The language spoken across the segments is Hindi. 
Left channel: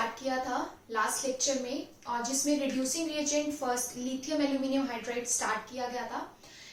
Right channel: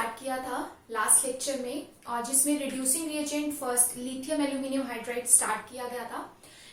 स्टार्ट किया था लास्ट लेक्चर में, और जिसमें reducing reagent first lithium aluminium hydride start किया गया था।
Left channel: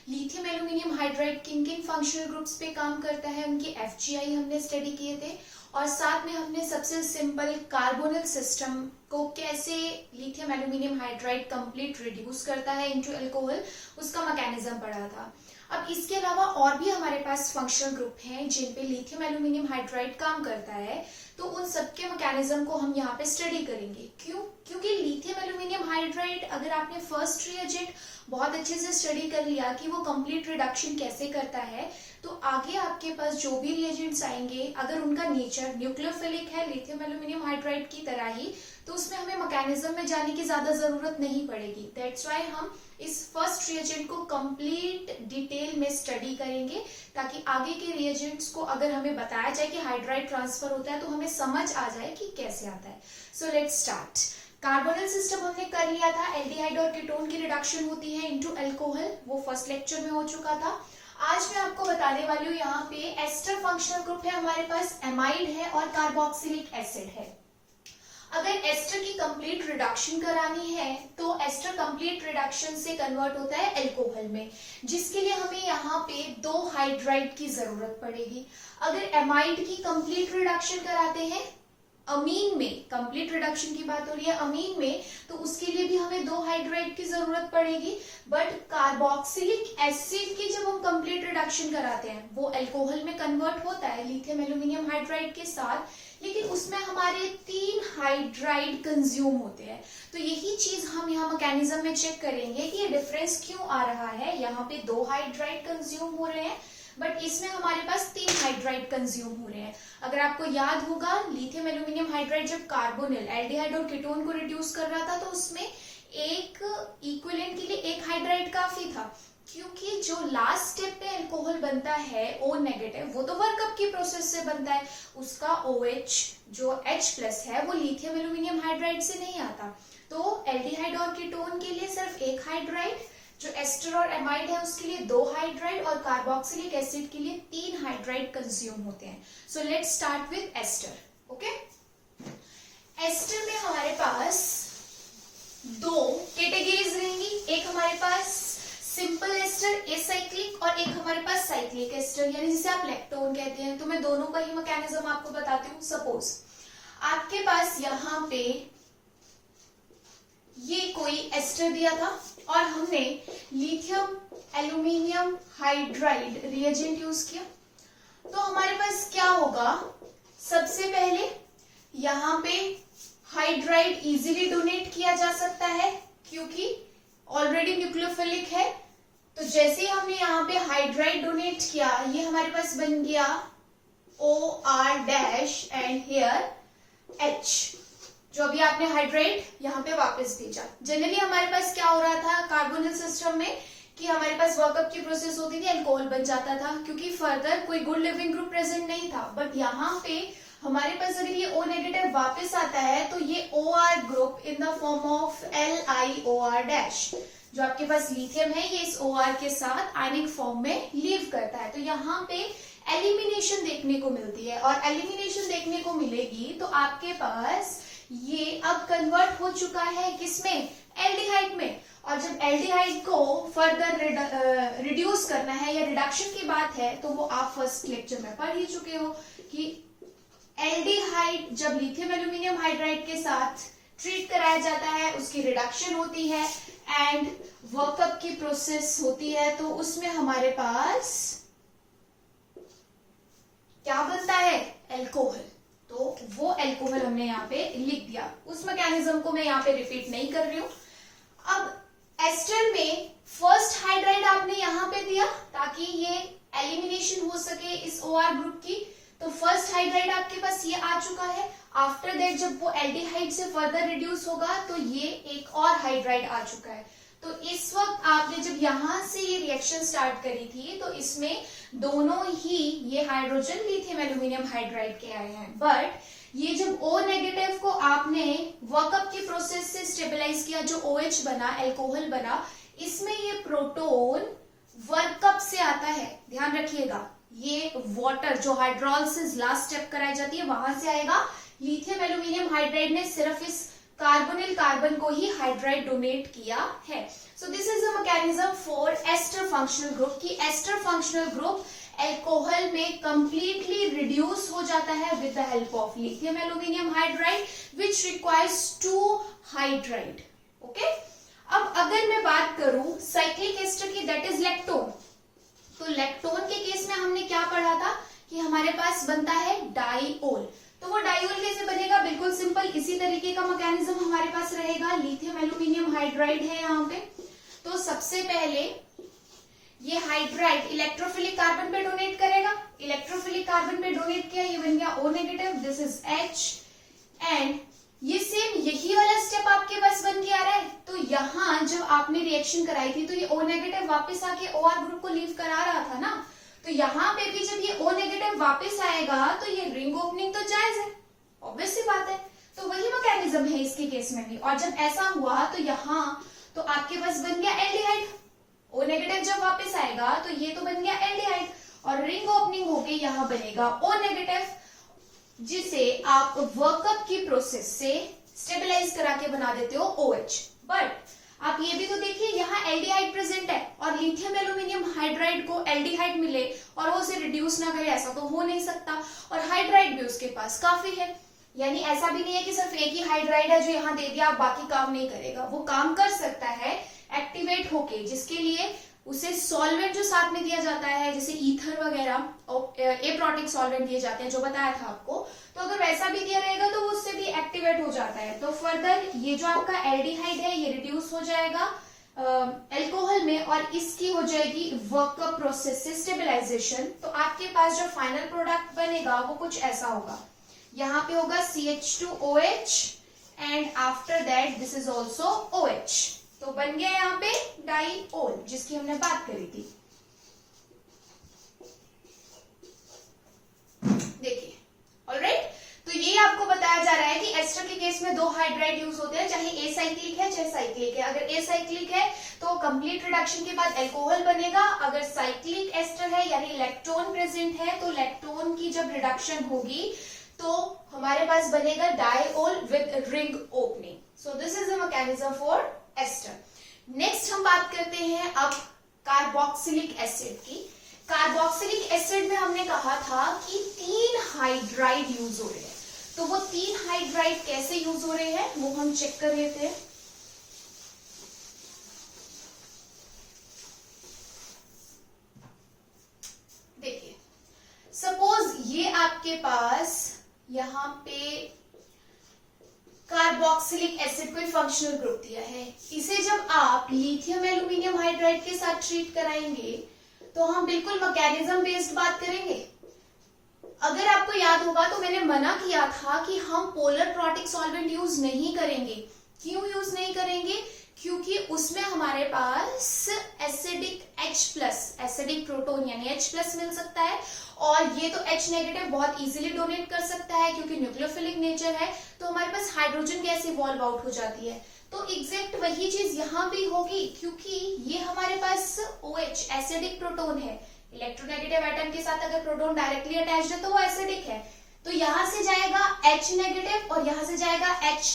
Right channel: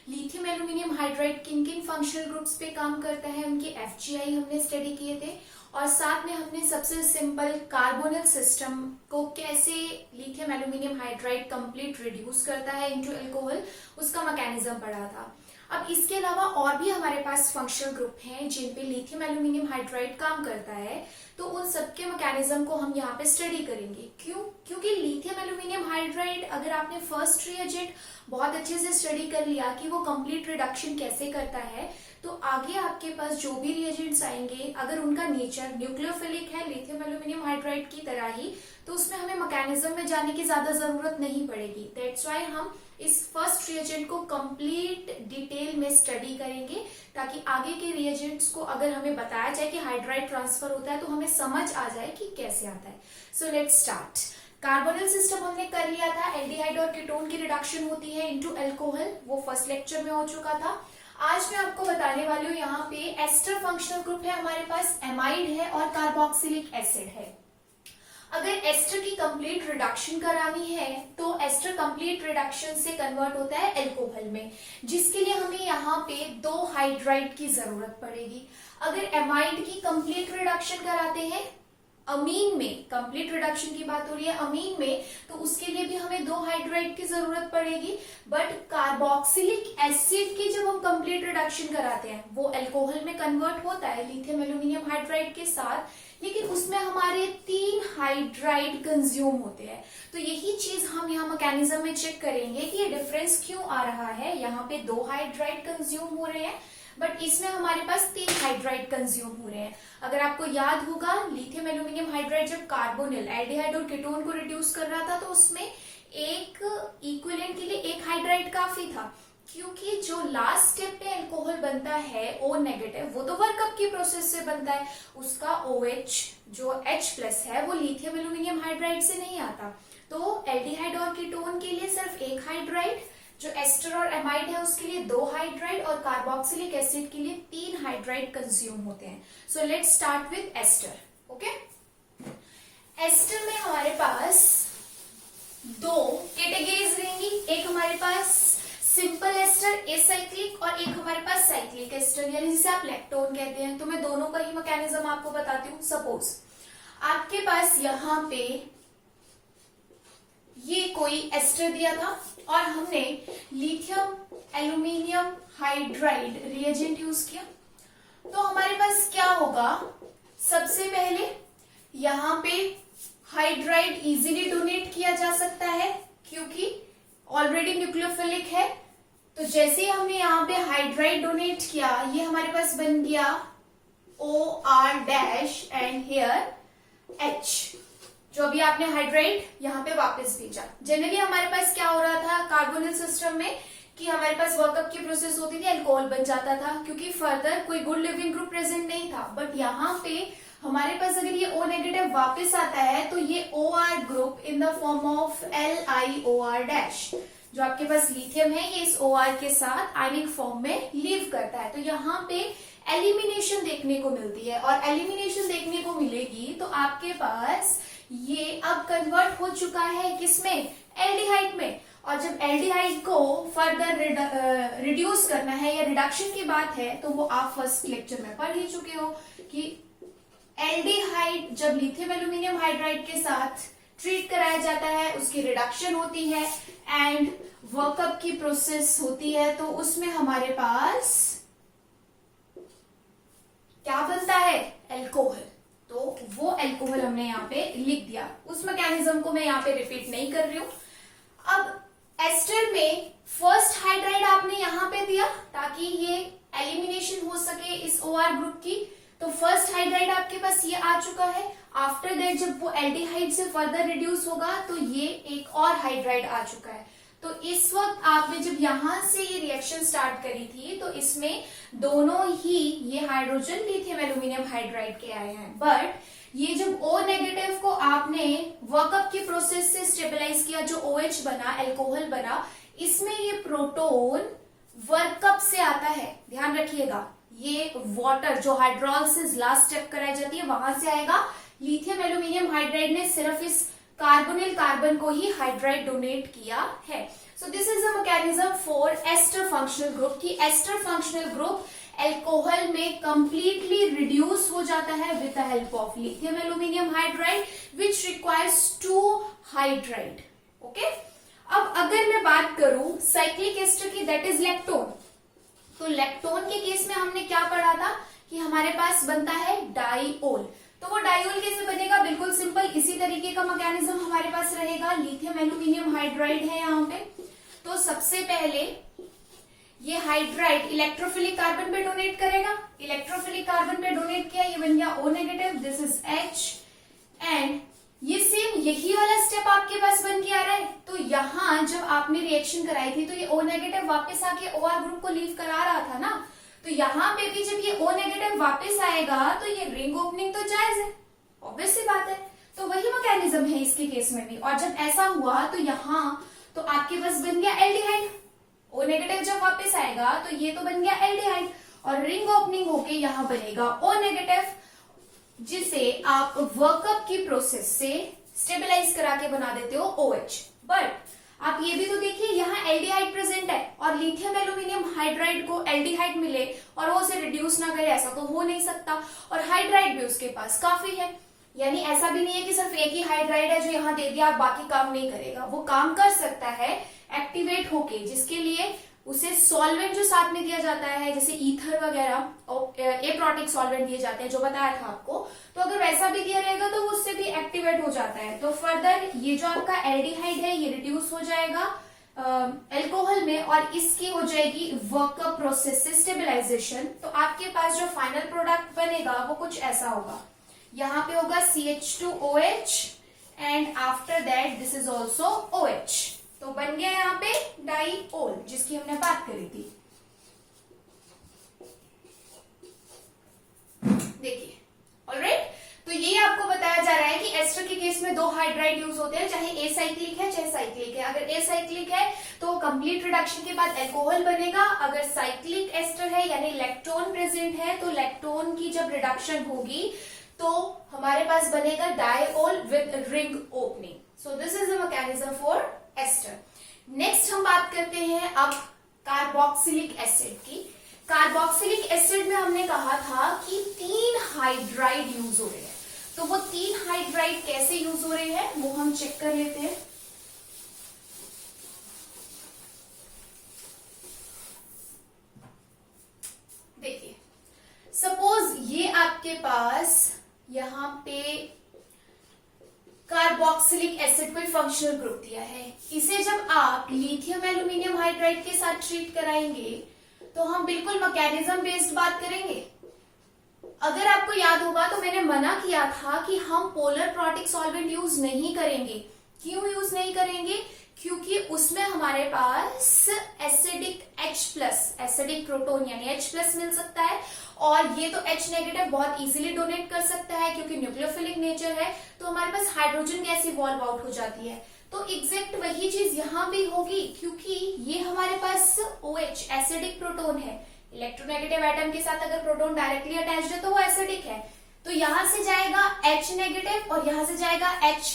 लिथियम एल्यूमिनियम हाइड्राइड किन किन फंक्शनल ग्रुप्स पे काम करता है, उनके एफजीआई हमने स्टडी किए थे, और साथ में हमने सबसे सिंपल कार्बोनिल सिस्टम को कैसे lithium aluminium hydride complete reduce करता है इनटू अल्कोहल, उसका मैकेनिज्म पढ़ा था। अब इसके अलावा और भी हमारे पास फंक्शनल ग्रुप हैं जिन पे लिथियम एल्यूमिनियम हाइड्राइड काम करता है, तो उन सबके मैकेनिज्म को हम यहाँ पे स्टडी करेंगे। क्योंकि लिथियम एल्यूमिनियम हाइड्राइड अगर आपने फर्स्ट रिएजेंट बहुत अच्छे से स्टडी कर लिया कि वो कंप्लीट रिडक्शन कैसे करता है, तो आगे आपके पास जो भी रिएजेंट्स आएंगे अगर उनका नेचर न्यूक्लियोफिलिक है लिथियम एल्यूमिनियम हाइड्राइड की तरह ही, तो उसमें हमें मैकेनिज्म में जाने की ज्यादा जरूरत नहीं पड़ेगी। दैट्स व्हाई हम इस फर्स्ट रिएजेंट को कंप्लीट डिटेल में स्टडी करेंगे, ताकि आगे के रिएजेंट्स को अगर हमें बताया जाए कि हाइड्राइड ट्रांसफर होता है तो हमें समझ आ जाए कि कैसे आता है। सो लेट्स स्टार्ट। कार्बोनिल सिस्टम हमने कर लिया था, एल्डिहाइड और कीटोन की रिडक्शन होती है इनटू अल्कोहल, वो फर्स्ट लेक्चर में हो चुका था। आज मैं आपको बताने वाली हूँ यहाँ पे एस्टर फंक्शनल ग्रुप है, हमारे पास एमाइड है और कार्बोक्सिलिक एसिड है। अगर एस्टर की कंप्लीट रिडक्शन करानी है तो एस्टर कंप्लीट रिडक्शन से कन्वर्ट होता है अल्कोहल में, जिसके लिए हमें यहाँ पे 2 हाइड्राइड की जरूरत पड़ेगी। अगर एमाइड की कंप्लीट रिडक्शन कराते हैं अमीन में, कंप्लीट रिडक्शन की बात हो रही है अमीन में, तो उसके लिए भी हमें 2 हाइड्राइड की जरूरत पड़ेगी। बट कार्बोक्सिलिक एसिड की जब हम कंप्लीट रिडक्शन कराते हैं वो अल्कोहल में कन्वर्ट होता है लिथियम एल्यूमिनियम हाइड्राइड के साथ, लेकिन उसमें हमारे 3 हाइड्राइड कंज्यूम होते हैं। तो यही चीज हम यहाँ मैकेनिज्म में चेक करेंगे कि ये डिफरेंस क्यों आ रहा है। यहाँ पे 2 हाइड्राइड कंज्यूम हो रहे हैं बट इसमें हमारे पास 3 हाइड्राइड कंज्यूम हो रहे हैं। अगर आपको याद होगा लिथियम एल्यूमिनियम हाइड्राइड जब कार्बोनिल एल्डिहाइड और कीटोन को रिड्यूस कर रहा था तो उसमें एक इक्विवेलेंट के लिए 1 हाइड्राइड काफी था, क्योंकि जो लास्ट स्टेप पे अल्कोहल बनता है O नेगेटिव, वो तो वर्कअप की प्रोसेस से बनता है, उसका OH जो H+ है वो लिथियम एल्यूमिनियम हाइड्राइड से नहीं आता। तो एल्डिहाइड और कीटोन के लिए सिर्फ 1 हाइड्राइड, जो एस्टर और एमाइड है उसके लिए 2 हाइड्राइड, और कार्बोक्सिलिक एसिड के लिए 3 हाइड्राइड कंज्यूम होते हैं। So let's start with ester. Okay, ester में हमारे पास 2 कैटेगरीज रहेंगी। एक हमारे पास सिंपल एस्टर एसाइक्लिक और एक हमारे पास साइक्लिक एस्टर, यानी जिसे आप लैक्टोन कहते हैं। तो मैं दोनों का ही मैकेनिज्म आपको बताती हूँ। सपोज आपके पास यहाँ पे ये कोई एस्टर दिया था और हमने lithium aluminium hydride reagent use किया, तो हमारे पास क्या होगा, सबसे पहले यहाँ पे हाइड्राइड इजीली डोनेट किया जा सकता है क्योंकि ऑलरेडी न्यूक्लियोफिलिक है। तो जैसे ही हमने यहाँ पे हाइड्राइड डोनेट किया, ये हमारे पास बन गया OR- एंड हियर H, जो अभी आपने हाइड्राइड यहाँ पे वापस भेजा। जनरली हमारे पास क्या हो रहा था कार्बोनिल सिस्टम में कि हमारे पास वर्कअप की प्रोसेस होती थी, अल्कोहल बन जाता था क्योंकि फर्दर कोई गुड लिविंग ग्रुप प्रेजेंट नहीं था। बट यहाँ पे हमारे पास अगर ये O नेगेटिव वापस आता है तो ये OR group in the form of LiOR-, जो आपके पास लिथियम है ये इस OR के साथ आयनिक फॉर्म में लीव करता है। तो यहाँ पे एलिमिनेशन देखने को मिलती है, और एलिमिनेशन देखने को मिलेगी तो आपके पास ये अब कन्वर्ट हो चुका है किसमें, एल्डिहाइड में। और जब एल्डिहाइड को फर्दर रिड्यूस करना है या रिडक्शन की बात है, तो वो आप फर्स्ट लेक्चर में पढ़ ही चुके हो कि एल्डिहाइड जब लिथियम एल्यूमिनियम हाइड्राइड के साथ ट्रीट कराया जाता है उसकी रिडक्शन होती है एंड वर्कअप की प्रोसेस होती है, तो उसमें हमारे पास क्या बनता है, अल्कोहल। तो वो अल्कोहल हमने यहाँ पे लिख दिया। उस मैकेनिज्म को मैं यहाँ पे रिपीट नहीं कर रही हूँ। अब एस्टर में फर्स्ट हाइड्राइड आपने यहाँ पे दिया ताकि ये एलिमिनेशन हो सके इस OR ग्रुप की, तो फर्स्ट हाइड्राइड आपके पास ये आ चुका है। आफ्टर दैट जब वो एल्डिहाइड से फर्दर रिड्यूस होगा तो ये एक और हाइड्राइड आ चुका है। तो इस वक्त आपने जब यहां से ये रिएक्शन स्टार्ट करी थी तो इसमें दोनों ही ये हाइड्रोजन लिथियम एल्यूमिनियम हाइड्राइड के आए हैं। बट ये जब O नेगेटिव को आपने वर्कअप की प्रोसेस से स्टेबलाइज किया, जो OH बना, अल्कोहल बना, इसमें ये प्रोटोन वर्कअप से आता है। ध्यान रखिएगा, ये वाटर जो हाइड्रोलिसिस लास्ट स्टेप कराई जाती है वहां से आएगा, लिथियम एल्यूमिनियम हाइड्राइड ने सिर्फ इस कार्बोनिल कार्बन को ही हाइड्राइड डोनेट किया है। So this is a mechanism for ester functional group कि एस्टर फंक्शनल ग्रुप एल्कोहल में कंप्लीटली रिड्यूस हो जाता है with the help of lithium aluminium hydride which requires 2 hydride. Okay, अब अगर मैं बात करूं साइक्लिक एस्टर की, दैट इज लैक्टोन, तो लैक्टोन के केस में हमने क्या पढ़ा था कि हमारे पास बनता है डाइओल। तो वो डाइओल कैसे बनेगा, बिल्कुल सिंपल, इसी तरीके का मैकेनिज्म हमारे पास रहेगा। लिथियम एल्यूमिनियम हाइड्राइड है यहाँ पे, तो सबसे पहले ये हाइड्राइड इलेक्ट्रोफिलिक कार्बन पे डोनेट करेगा, इलेक्ट्रोफिलिक कार्बन पे डोनेट किया, ये बन गया O negative, this is H, and ये सेम यही वाला स्टेप आपके पास बन के आ रहा है। तो यहाँ जब आपने रिएक्शन कराई थी तो ये O नेगेटिव वापस आके OR ग्रुप को लीव करा रहा था ना, तो यहाँ पे भी जब ये O नेगेटिव वापस आएगा तो ये रिंग ओपनिंग तो जायज है, ऑब्वियस सी बात है। तो वही मैकेनिज्म है इसके केस में भी, और जब ऐसा हुआ तो यहाँ तो आपके पास बन गया एल्डिहाइड, O नेगेटिव जब वापस आएगा तो ये तो बन गया एल्डिहाइड, और रिंग ओपनिंग होके यहाँ बनेगा O नेगेटिव, जिसे आप वर्कअप की प्रोसेस से स्टेबलाइज करा के बना देते हो OH। बट आप ये भी तो देखिए यहाँ एल्डिहाइड प्रेजेंट है और लिथियम एल्यूमिनियम हाइड्राइड को एल्डिहाइड मिले और वो उसे रिड्यूस ना करे, ऐसा तो हो नहीं सकता, और हाइड्राइड भी उसके पास काफी है। यानी ऐसा भी नहीं है कि सिर्फ एक ही हाइड्राइड है जो यहाँ दे दिया बाकी काम नहीं करेगा, वो काम कर सकता है एक्टिवेट होके, जिसके लिए उसे सॉल्वेंट जो साथ में दिया जाता है जैसे ईथर वगैरह, एप्रोटिक सॉल्वेंट दिए जाते हैं जो बताया था आपको, तो अगर वैसा भी दिया रहेगा तो वो उससे भी एक्टिवेट हो जाता है। तो फर्दर ये जो आपका एल्डिहाइड है ये रिड्यूस हो जाएगा अल्कोहल में, और इसकी हो जाएगी वर्कअप प्रोसेस से स्टेबलाइजेशन। तो आपके पास जो फाइनल प्रोडक्ट बनेगा वो कुछ ऐसा होगा, यहाँ पे होगा CH2OH and after that this is also OH, तो बन गया यहाँ पे डाइओल जिसकी हमने बात करी थी। देखिए, ऑलराइट, तो ये आपको बताया जा रहा है कि एस्टर के केस में 2 हाइड्राइड यूज होते हैं, चाहे एसाइक्लिक है चाहे साइक्लिक है। अगर एसाइक्लिक है तो कंप्लीट रिडक्शन के बाद अल्कोहल बनेगा, अगर साइक्लिक एस्टर है यानी लैक्टोन प्रेजेंट है तो लैक्टोन की जब रिडक्शन होगी तो हमारे पास बनेगा diol with ring opening. So this is the mechanism for ester. Next हम बात करते हैं अब कार्बोक्सिलिक एसिड की। कार्बोक्सिलिक एसिड में हमने कहा था कि 3 हाइड्राइड यूज हो रहे हैं, तो वो 3 हाइड्राइड कैसे यूज हो रहे हैं वो हम चेक कर लेते हैं। देखिए, सपोज ये आपके पास यहाँ पे कार्बोक्सिलिक एसिड कोई फंक्शनल ग्रुप दिया है, इसे जब आप लिथियम एल्यूमिनियम हाइड्राइड के साथ ट्रीट कराएंगे तो हम बिल्कुल मैकेनिज्म बेस्ड बात करेंगे। अगर आपको याद होगा तो मैंने मना किया था कि हम पोलर प्रोटिक सॉल्वेंट यूज नहीं करेंगे। क्यों यूज नहीं करेंगे? क्योंकि उसमें हमारे पास एसिडिक H+ एसिडिक प्रोटोन यानी H+ मिल सकता है, और ये तो H नेगेटिव बहुत इजीली डोनेट कर सकता है क्योंकि न्यूक्लियोफिलिक नेचर है, तो हमारे पास हाइड्रोजन गैस इवॉल्व आउट हो जाती है। तो एग्जैक्ट वही चीज यहाँ भी होगी, क्योंकि ये हमारे पास OH एसिडिक प्रोटोन है, इलेक्ट्रोनेगेटिव एटम के साथ अगर प्रोटोन डायरेक्टली अटैच्ड है तो वो एसिडिक है, तो यहां से जाएगा H नेगेटिव और यहां से जाएगा H+,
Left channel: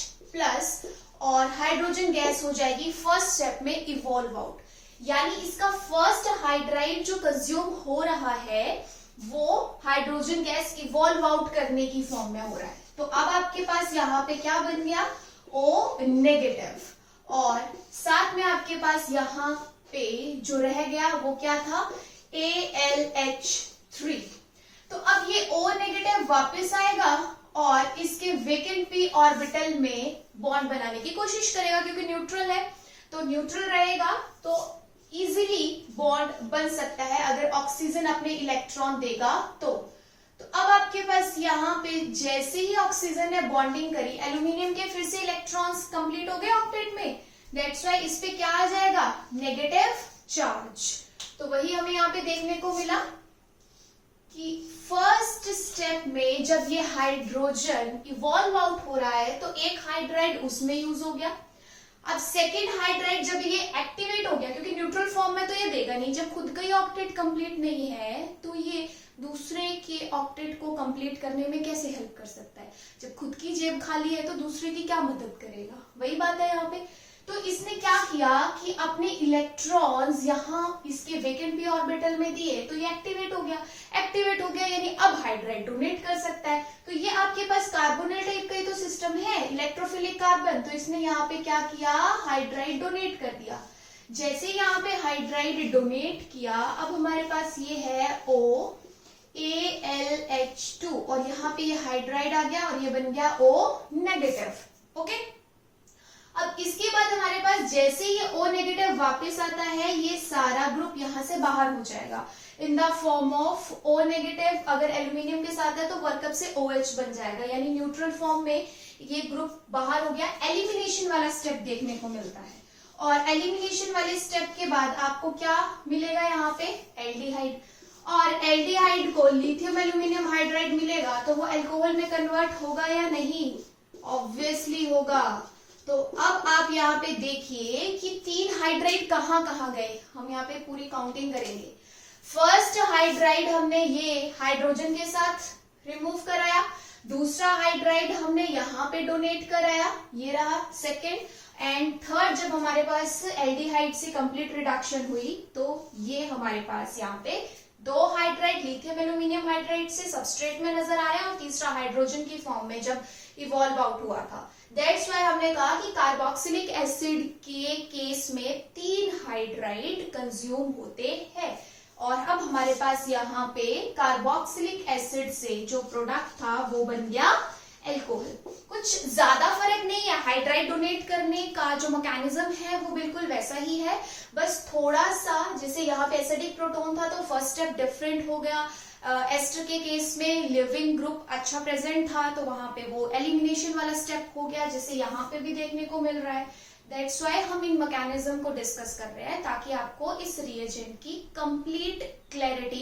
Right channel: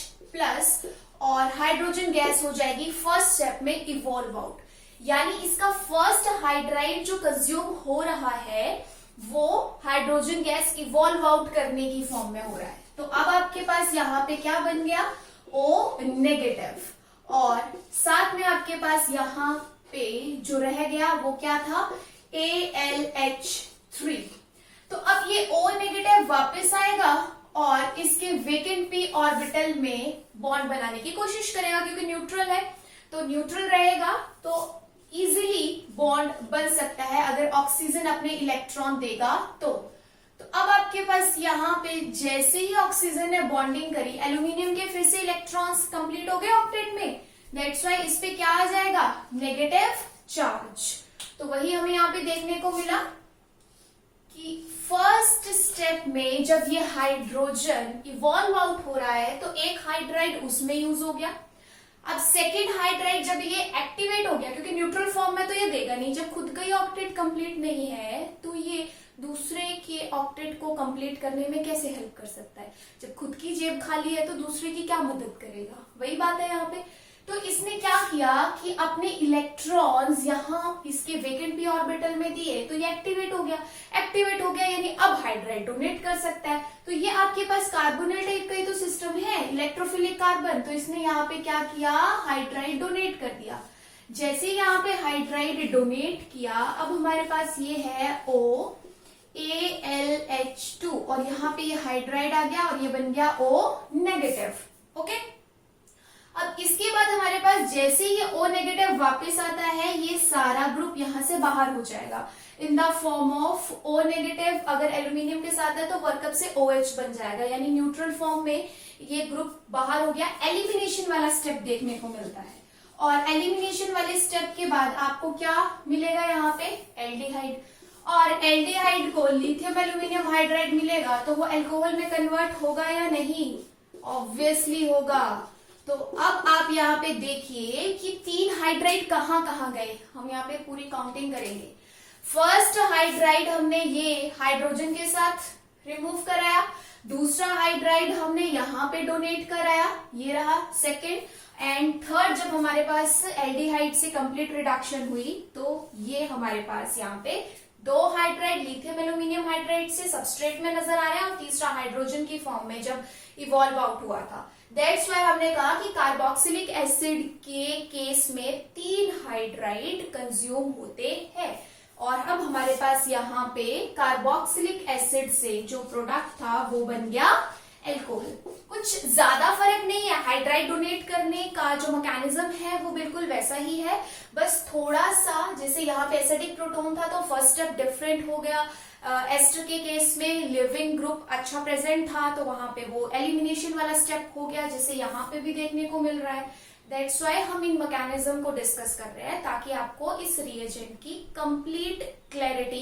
और हाइड्रोजन गैस हो जाएगी फर्स्ट स्टेप में इवॉल्व आउट। यानी इसका फर्स्ट हाइड्राइड जो कंज्यूम हो रहा है वो हाइड्रोजन गैस इवॉल्व आउट करने की फॉर्म में हो रहा है। तो अब आपके पास यहाँ पे क्या बन गया? O नेगेटिव, और साथ में आपके पास यहाँ पे जो रह गया वो क्या था? AlH3। तो अब ये O नेगेटिव वापस आएगा और इसके वेकेंट p ऑर्बिटल में बॉन्ड बनाने की कोशिश करेगा, क्योंकि न्यूट्रल है, तो न्यूट्रल रहेगा तो इजीली बॉन्ड बन सकता है अगर ऑक्सीजन अपने इलेक्ट्रॉन देगा तो अब आपके पास यहाँ पे जैसे ही ऑक्सीजन ने बॉन्डिंग करी, एल्यूमिनियम के फिर से इलेक्ट्रॉन्स कंप्लीट हो गए ऑक्टेट में, दैट्स व्हाई इस पे क्या आ जाएगा? Negative charge. तो वही हमें यहाँ पे देखने को मिला कि फर्स्ट स्टेप में जब ये हाइड्रोजन इवॉल्व आउट हो रहा है तो एक हाइड्राइड उसमें यूज हो गया, अब सेकेंड हाइड्राइड जब ये एक्टिवेट हो गया, क्योंकि न्यूट्रल फॉर्म में तो ये देगा नहीं, जब खुद का ही ऑक्टेट कंप्लीट नहीं है तो ये दूसरे के ऑक्टेट को कंप्लीट करने में कैसे हेल्प कर सकता है? जब खुद की जेब खाली है तो दूसरे की क्या मदद करेगा? वही बात है यहाँ पे। तो इसने क्या किया कि अपने इलेक्ट्रॉन्स यहाँ इसके वेकेंट पी ऑर्बिटल में दिए, तो ये एक्टिवेट हो गया। एक्टिवेट हो गया यानी अब हाइड्राइड डोनेट कर सकता है। तो ये आपके पास कार्बोनेट टाइप का ही तो सिस्टम है, इलेक्ट्रोफिलिक कार्बन, तो इसने यहाँ पे क्या किया, हाइड्राइड डोनेट कर दिया। जैसे यहाँ पे हाइड्राइड डोनेट किया, अब हमारे पास ये है O AlH2 और यहाँ पे ये हाइड्राइड आ गया और ये बन गया O नेगेटिव। ओके, अब इसके बाद हमारे पास जैसे ये O नेगेटिव वापस आता है, ये सारा ग्रुप यहाँ से बाहर हो जाएगा in the form of O negative. अगर एल्यूमिनियम के साथ है तो वर्कअप से OH बन जाएगा, यानी न्यूट्रल फॉर्म में ये ग्रुप बाहर हो गया। एलिमिनेशन वाला स्टेप देखने को मिलता है और एलिमिनेशन वाले स्टेप के बाद आपको क्या मिलेगा यहाँ पे, एल्डिहाइड। और एल्डिहाइड को लिथियम एल्यूमिनियम हाइड्राइड मिलेगा तो वो अल्कोहल में कन्वर्ट होगा या नहीं? ऑब्वियसली होगा। तो अब आप यहाँ पे देखिए कि 3 हाइड्राइड कहाँ कहाँ गए, हम यहाँ पे पूरी काउंटिंग करेंगे। फर्स्ट हाइड्राइड हमने ये हाइड्रोजन के साथ रिमूव कराया, दूसरा हाइड्राइड हमने यहाँ पे डोनेट कराया, ये रहा सेकेंड, एंड थर्ड जब हमारे पास एल्डिहाइड से कंप्लीट रिडक्शन हुई तो ये हमारे पास यहाँ पे 2 हाइड्राइड लिथियम एल्यूमिनियम हाइड्राइड से सबस्ट्रेट में नजर आ रहे हैं और तीसरा हाइड्रोजन की फॉर्म में जब इवॉल्व आउट हुआ था। दैट्स वाई हमने कहा कि कार्बोक्सिलिक एसिड के केस में 3 हाइड्राइड कंज्यूम होते हैं। और अब हमारे पास यहाँ पे कार्बोक्सिलिक एसिड से जो प्रोडक्ट था वो बन गया एल्कोहल। कुछ ज्यादा फर्क नहीं है, हाइड्राइड डोनेट करने का जो मैकेनिज्म है वो बिल्कुल वैसा ही है, बस थोड़ा सा जैसे यहाँ पे एसिडिक प्रोटोन था तो फर्स्ट स्टेप डिफरेंट हो गया। एस्टर के केस में लिविंग ग्रुप अच्छा प्रेजेंट था तो वहां पे वो एलिमिनेशन वाला स्टेप हो गया, जैसे यहाँ पे भी देखने को मिल रहा है। दैट्स वाई हम इन मैकेनिज्म को डिस्कस कर रहे हैं ताकि आपको इस रिएजेंट की कंप्लीट क्लैरिटी